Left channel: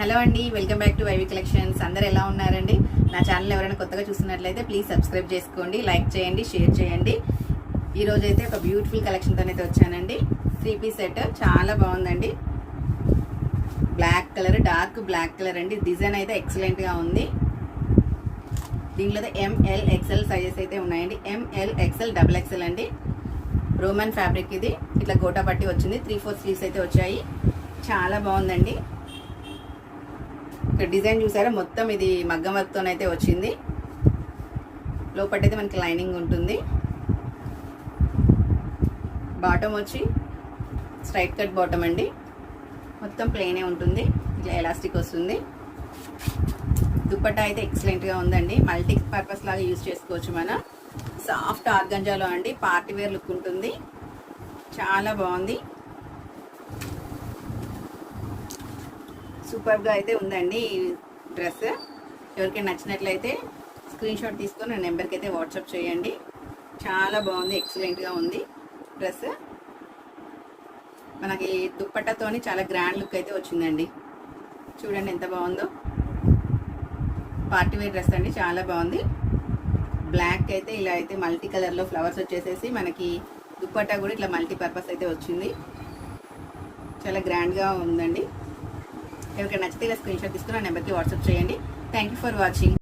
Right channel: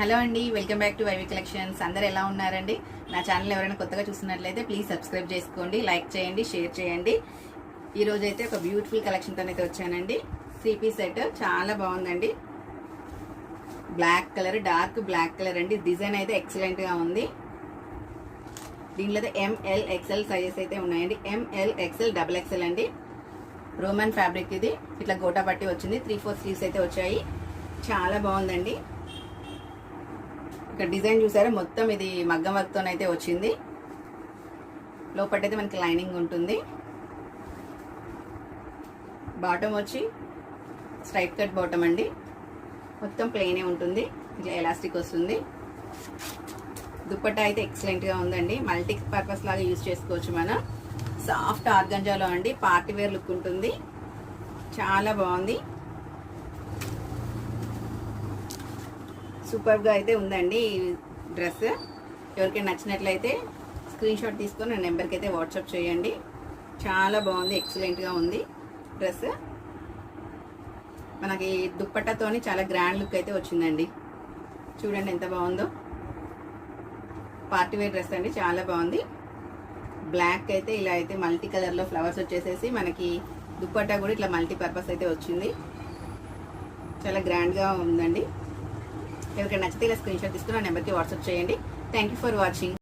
Hello అండి, welcome back to YV collections. అందరు ఎలా ఉన్నారండి? నా ఛానల్ ఎవరైనా కొత్తగా చూస్తున్నట్లయితే ప్లీజ్ సబ్స్క్రైబ్ చేసుకోండి, లైక్ చేయండి, షేర్ చేయండి. ఈ రోజు అయితే ఒక బ్యూటిఫుల్ కలెక్షన్తో అయితే వచ్చానండి. 3 పీస్ సెట్ చాలా బాగుందండి. Black colour, dark black colour అండి. డిజైన్ అయితే ఎక్సలెంట్ గా ఉంది. దీంట్లో ML XL సైజెస్ అయితే ఉన్నాయండి. ML XL XXL అండి. రోమన్ ఫ్యాబ్రిక్ ఇది. ఇట్లా గోటా పట్టి వచ్చింది. 3/4 స్లీవ్స్ అయితే వచ్చాయి. చాలా బాగుందండి. ఇక్కడ డిజైన్ చూసారా, మొత్తం ఇది మగ్గం వర్క్ తోనైతే వచ్చింది. లోపటైతే మనకి లైనింగ్ ఉంటుంది. బాటమ్ వచ్చి స్ట్రైట్ కట్ బాటమ్ అండి. మొత్తం ప్లెయినే ఉంటుంది. ఇట్లా ఎలాస్టిక్ వస్తుంది. దుపట్టా అయితే ఎక్సలెంట్ గా ఉందండి. మల్టీ పర్పస్ లాగా యూజ్ చేసుకోవచ్చు మనం. సాఫ్ట్ ఆర్గంజాలో అండి. పార్టీ వేర్ లుక్ ఉంటుంది. చాలా బాగుంది. సూపర్ గా అయితే ఉందండి ఈ డ్రెస్. ఎవరికైనా నచ్చినట్లయితే స్క్రీన్ షాట్ తీసుకొని నా నెంబర్కి అయితే వాట్సాప్ చేయండి. చాలా బాగుంది, ఎక్సలెంట్ గా ఉంది డ్రెస్. మనకి దుప్పట్టతోని చాలా గ్రాండ్ లుక్ అయితే వచ్చిందండి. చూడండి ఎంత బాగుందో. పార్టీ వేర్ డ్రెస్ అండి, చాలా బాగుంది. బ్లాక్ అయితే ఇలా అయితే మల్టీ కలర్ లో ఫ్లవర్స్ వచ్చేసేసి మనకి దుప్పట్టా కూడా ఇట్లా మల్టీ పర్పస్ అయితే వచ్చింది. చాలా గ్రాండ్ గా ఉందండి. ఎవరికైనా నచ్చితే ఇలా స్క్రీన్ షాట్ తీసుకుని నా నెంబర్కి వాట్సాప్ చేయండి. Thank you for watching.